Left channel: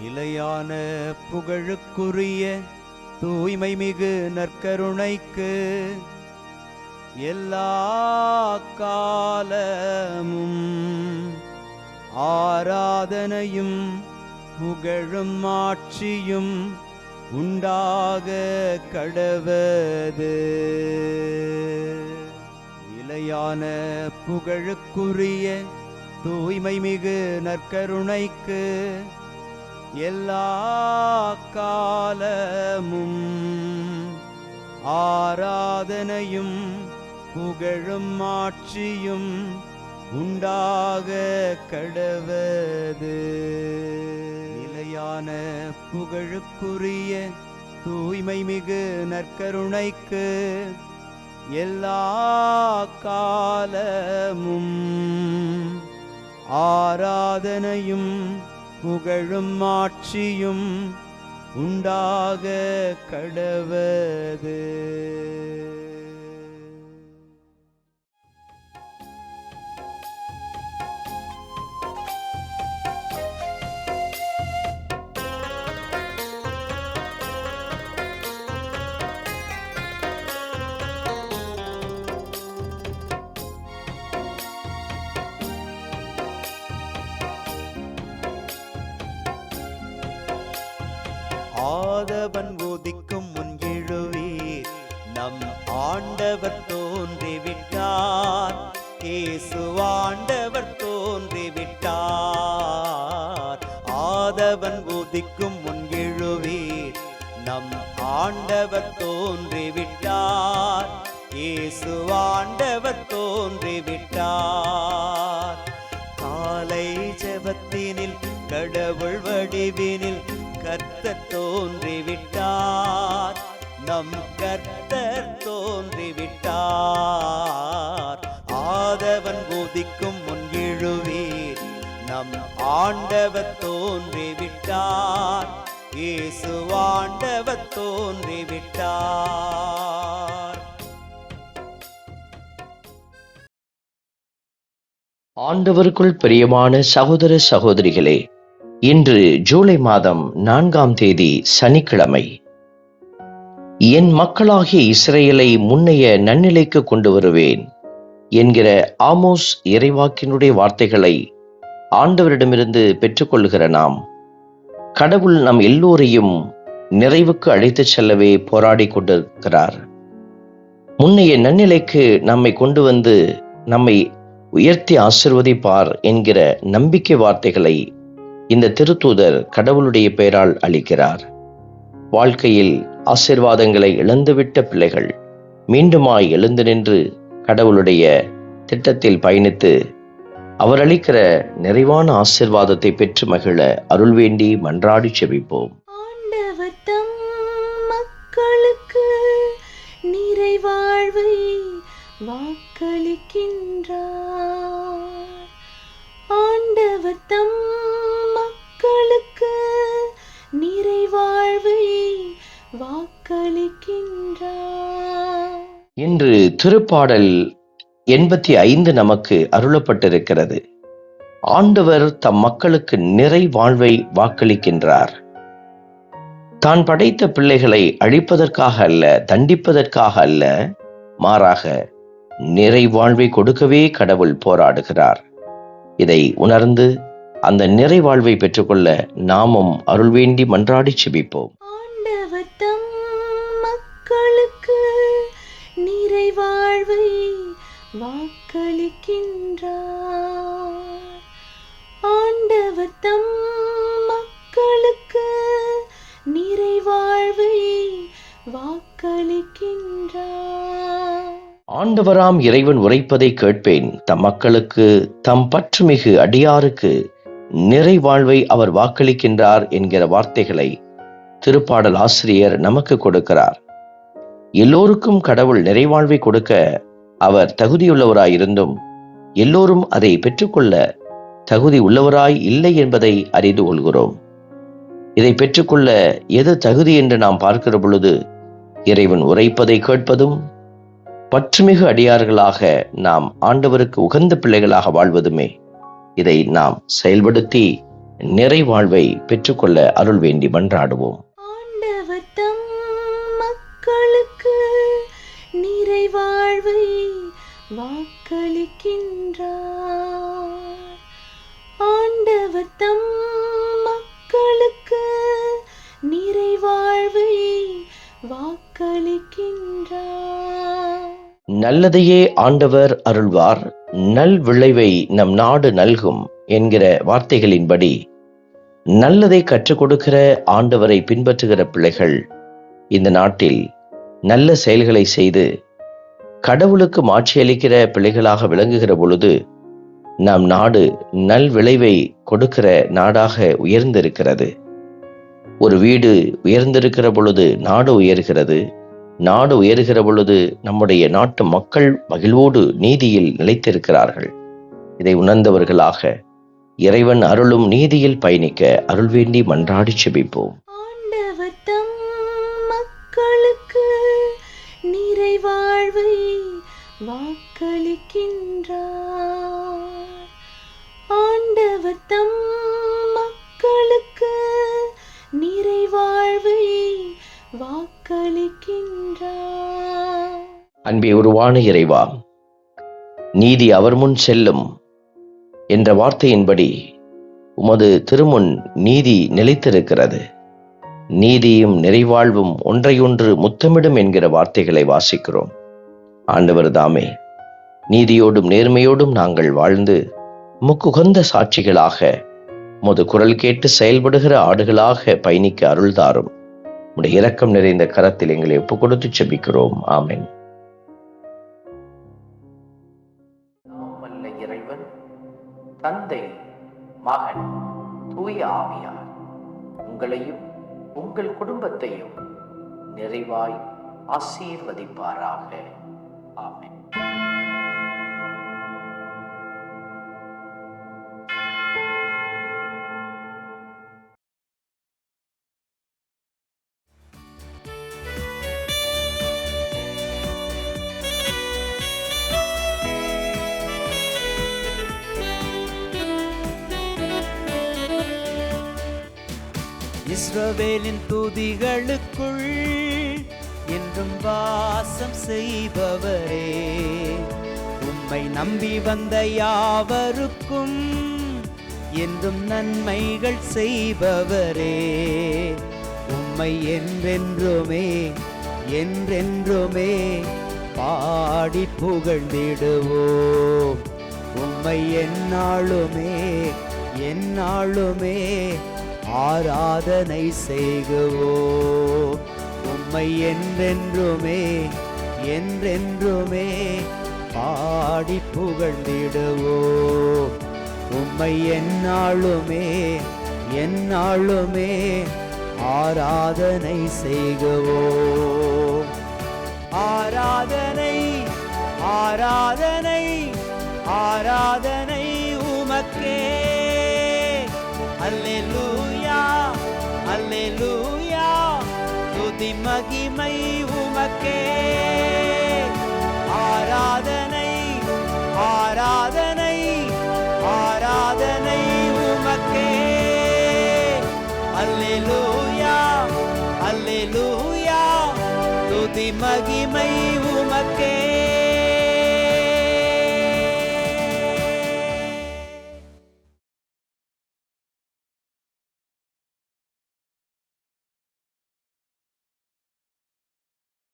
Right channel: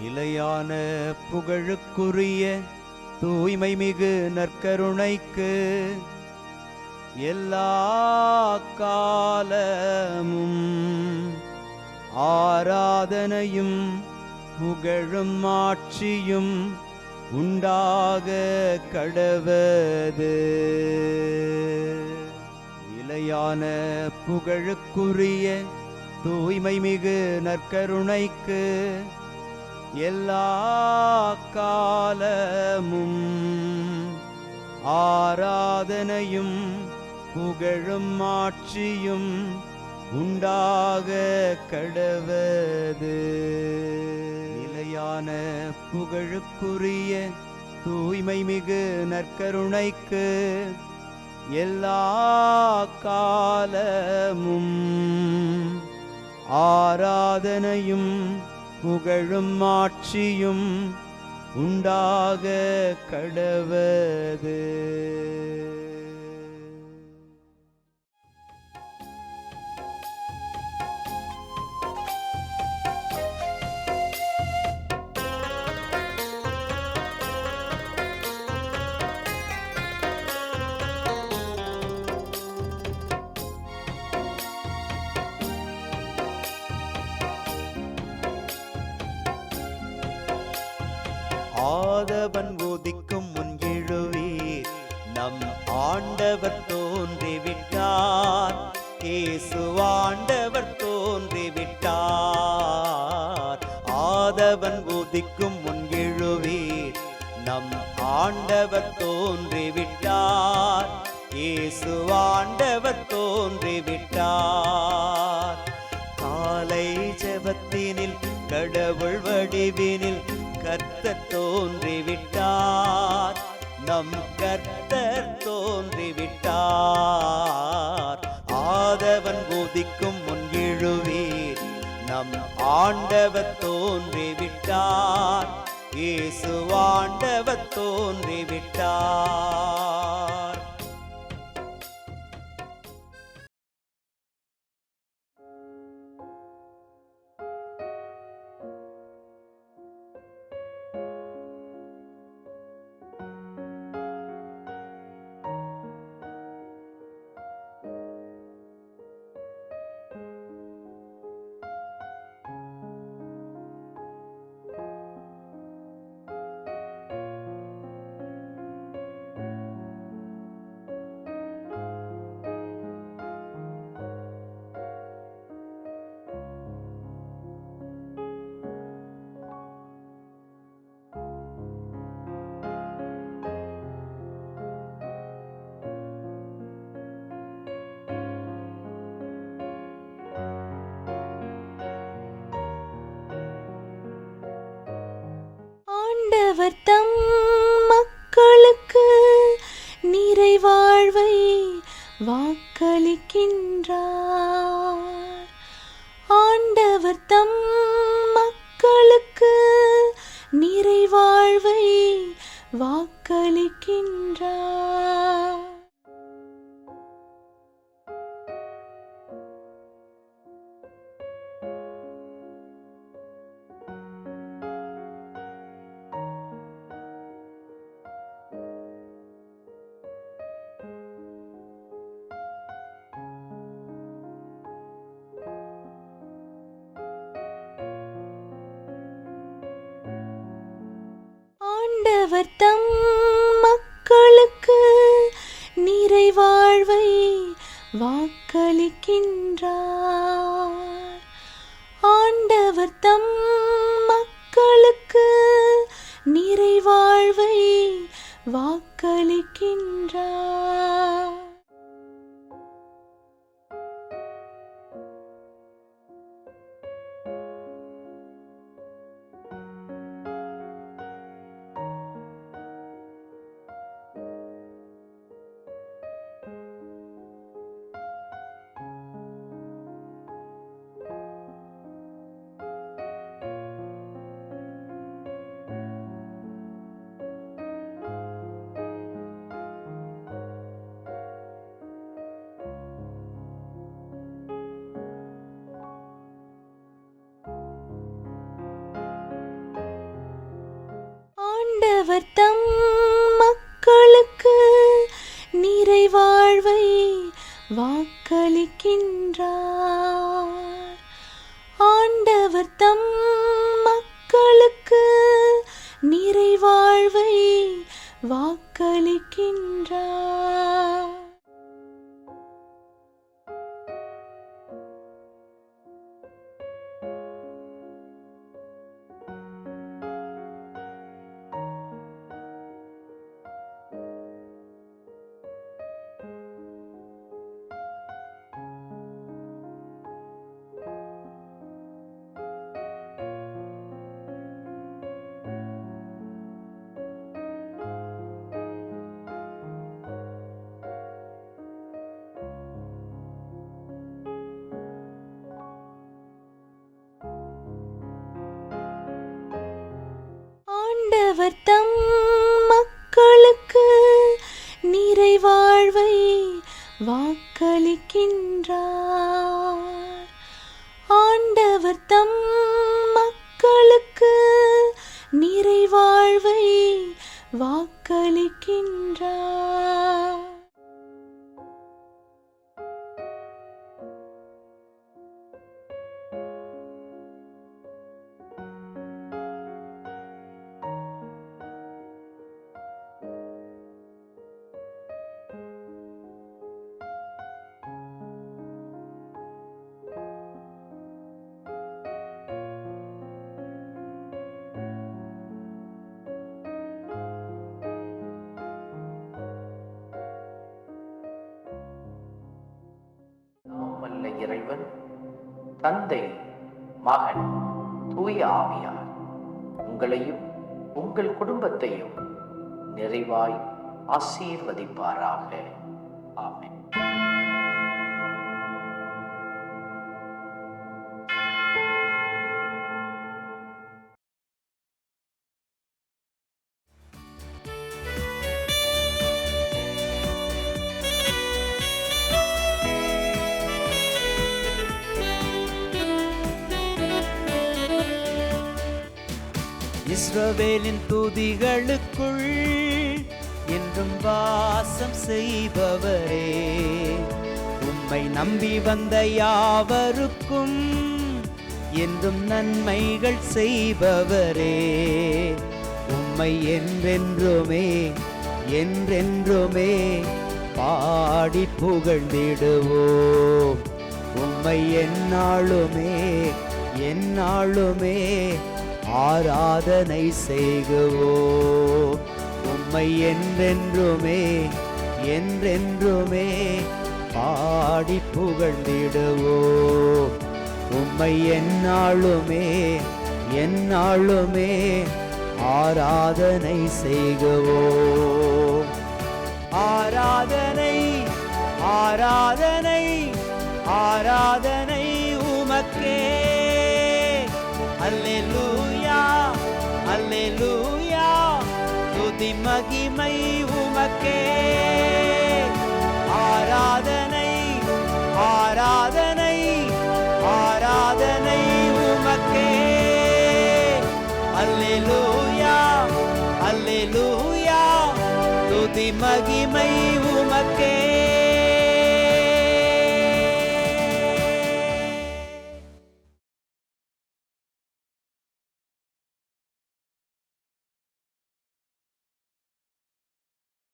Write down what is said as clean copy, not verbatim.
நிலையான புகழுக்குரிய தூய்மை மிகு நற்கருணைக்கு எல்லா காலமும் ஆராதனையும் புகழும் ஆட்சியும் உண்டாக கடவது. நிலையான புகழுக்குரிய தூய்மை மிகு நற்கருணைக்கு எல்லா காலமும் ஆராதனையும் புகழும் ஆட்சியும் உண்டாக கடவது. நிலையான புகழுக்குரிய தூய்மை மிகு நற்கருணைக்கு எல்லா காலமும் ஆராதனையும் புகழும் ஆட்சியும் உண்டாக கடவது. ஆதவன் உதிக்கும் முன் எழுவீர், நம் ஆண்டவர் தோன்றிவிட்டார். இயேசு ஆண்டவர் தோன்றிவிட்டார். ஆதவன் உதிக்கும் முன் எழுவீர், நம் ஆண்டவர் தோன்றிவிட்டார். இயேசு ஆண்டவர் தோன்றிவிட்டார். காலை ஜெபத்தினில் கடவுள் வடிவினில் கர்த்தர் தோன்றிவிட்டார். நம் கர்த்தர் தோன்றிவிட்டார். ஆதவன் உதிக்கும் முன் எழுவீர், நம் ஆண்டவர் தோன்றிவிட்டார். இயேசு ஆண்டவர் தோன்றிவிட்டார். ஆண்டவருக்குள் பிரியமான சகோதர சகோதரிகளே, இன்று ஜூலை மாதம் 4ஆம் தேதி சனிக்கிழமை. என் மக்களாகிய இஸ்ரேலை முன்னைய நன்னிலைக்கு கொண்டு வருவேன் என்கிற ஆமோஸ் இறைவாக்கினுடைய வார்த்தைகளை ஆண்டவரிடமிருந்து பெற்றுக்கொள்கிற நாம், கடவுள் நம் எல்லோரையும் நிறைவுக்கு அழைத்துச் செல்லவே போராடி கொண்டிருக்கிறார். முன்னைய நன்னிலைக்கு நம்மை கொண்டு வந்து நம்மை உயர்த்தி ஆசிர்வதிப்பார் என்கிற நம்பிக்கை வார்த்தைகளை இந்த திருத்தூதர் கடவுளுடைய பெயரால் அளிக்கிறார். வாழ்க்கையில் ஆசீர்வாதங்களை இழந்துவிட்ட பிள்ளைகள் மீண்டுமாய் எழுந்து நின்று கடவுளுடைய திட்டத்தில் பயணித்து அவர் அளிக்கிற நிறைவான ஆசீர்வாதத்தை பெற்று மகிழ அருள் வேண்டி மன்றாடி செபிப்போம். ஆண்டவர் தம் மக்களுக்கு நிறைவாழ்வை வாக்களிக்கின்றார். ஆண்டவர் தம் மக்களுக்கு நிறைவாழ்வை வாக்களிக்கின்றார். இன்று திருப்பாடல் 85 நமக்கு அருளப்பட்டிருக்கிறது. ஆண்டவர் தம் மக்களுக்கு நிறைவாழ்வை வாக்களிக்கின்றார். தான் படைத்த பிள்ளைகளை அழிப்பதற்காக அல்ல, தண்டிப்பதற்காக அல்ல, மாறாக நிறைவாழ்வை கொடுக்கவே கடவுள் போராடுகிறார். இதை உணர்ந்து அந்த நிறைவாழ்வை பெற்றுக்கொள்ள நாமும் அருள் வேண்டி மன்றாடி செபிப்போம். ஆண்டவர் தம் மக்களுக்கு நிறைவாழ்வை வாக்களிக்கின்றார். ஆண்டவர் தம் மக்களுக்கு நிறைவாழ்வை வாக்களிக்கின்றார். ஆண்டவராம் இறைவன் உரைப்பதை கேட்பேன், தம் மக்களுக்கு தம் பற்றுமிகு அடியாருக்கு நிறைவாழ்வை அவர் வாக்களிக்கின்றார் என்கிற வார்த்தைகளை திருப்பாடல் ஆசிரியர் நமக்கு கொடுக்கிறார். எல்லோருக்கும் கடவுள் நிறைவாழ்வை கொடுக்க அவர் தகுதியுள்ளவராயிருந்தும் எல்லோரும் அதை பெற்றுக்கொள்ள தகுதி உள்ளவராய் இல்லை என்பதை அறிந்து கொள்கிறோம். இதை பெற்றுக்கொள்ள எது தகுதி என்று நாம் பார்க்கிற பொழுது இறைவன் உரைப்பதை கேட்பதும் பற்றுமிகு அடியார்களாக நாம் ஆண்டவருக்கு உகந்த பிள்ளைகளாக வாழ்வதுமே. இதை நாம் செயல்படுத்தி நிறைவாழ்வை பெற்றுக்கொள்ள அருள் வேண்டி மன்றாடுவோம். ஆண்டவர் தம் மக்களுக்கு நிறைவாழ்வை வாக்களிக்கின்றார். ஆண்டவர் தம் மக்களுக்கு நிறைவாழ்வை வாக்களிக்கின்றார். நல்லதையே ஆண்டவர் அருள்வார், நல் விளைவை நம் நாடு நல்கும் என்கிற வார்த்தைகளின்படி நல்லதை கற்றுக் கொடுக்கிற ஆண்டவரை பின்பற்றுகிற பிள்ளைகள் இந்த நாட்டில் நல்ல செயல்களை செய்து கடவுளுக்கு மாட்சியளிக்கிற பிள்ளைகளாக விளங்குகிற பொழுது நம் நாடு நல் விளைவை கொடுக்கிற நாடாக உயர்ந்திருக்கிறது. ஒரு வீடு உயர்ந்திருக்கிற பொழுது நாடு உயர்கிறது. நாடு உயர்கிற பொழுது நம்முடைய நாட்டு மக்கள் மகிழ்வோடு நீதியில் நிலைத்திருக்கிறார்கள். இதை உணர்ந்தவர்களாக இறைவன் அருளும் நீதியில் பயணிக்க அருள் வேண்டி மன்றாடி செபிப்போம். ஆண்டவர் தம் மக்களுக்கு நிறைவாழ்வை வாக்களிக்கின்றார். ஆண்டவர் தம் மக்களுக்கு நிறைவாழ்வை வாக்களிக்கின்றார். அன்பே உருவான இறைவா, நீதி அவர் முன் செல்லும் என்ற வார்த்தையின்படி உமது திருமுன் நீதி நிலைத்திருக்கிறது. நீதியும் நிறைவாழ்வும் ஒன்றையொன்று முத்தமிடும் என்கிற வார்த்தைகளை வாசிக்கிறோம். ஆண்டவர் தாமே நீதியோடும் நேர்மையோடும் நாங்கள் வாழ்ந்து முக்குகந்த சாட்சிகளாக உமது குரல் கேட்டு செயல்படுகிற ஆடுகளாக பயணிக்க அருள்தாரும். உடைய இரக்கம் நிறைந்த கரத்தில் எங்களை ஒப்புக் கொடுத்து செபிக்கிறோம். ஆமென். இறைவன் தந்தை, மகன், தூய ஆவியார் உங்களையும் உங்கள் குடும்பத்தையும் நிறைவாய் ஆசீர்வதிப்பாராக. ஆமென். இஸ்ரவேலின் துதிகளுக்குள் என்றும் வாசம் செய்பவரே, உம்மை நம்பி வந்த யாவருக்கும் என்றும் நன்மைகள் செய்பவரே, உம்மை என்றென்றுமே என்றென்றுமே பாடி புகழ்ந்திடுவோம். உம்மை எந்நாளுமே எந்நாளுமே ஆராதனை செய்குவோம். உம்மை என்றென்றுமே என்றென்றுமே பாடி புகழ்ந்திடுவோம். உம்மை எந்நாளுமே எந்நாளுமே ஆராதனை செய்குவோம். ஆராதனை ஆராதனை ஆராதனை உமக்கே. அல்லேலூயா அல்லேலூயா, துதி மகிமை உமக்கே. ஆராதனை ஆராதனை ஆராதனை உமக்கே. அல்லேலூயா அல்லேலூயா, துதி மகிமை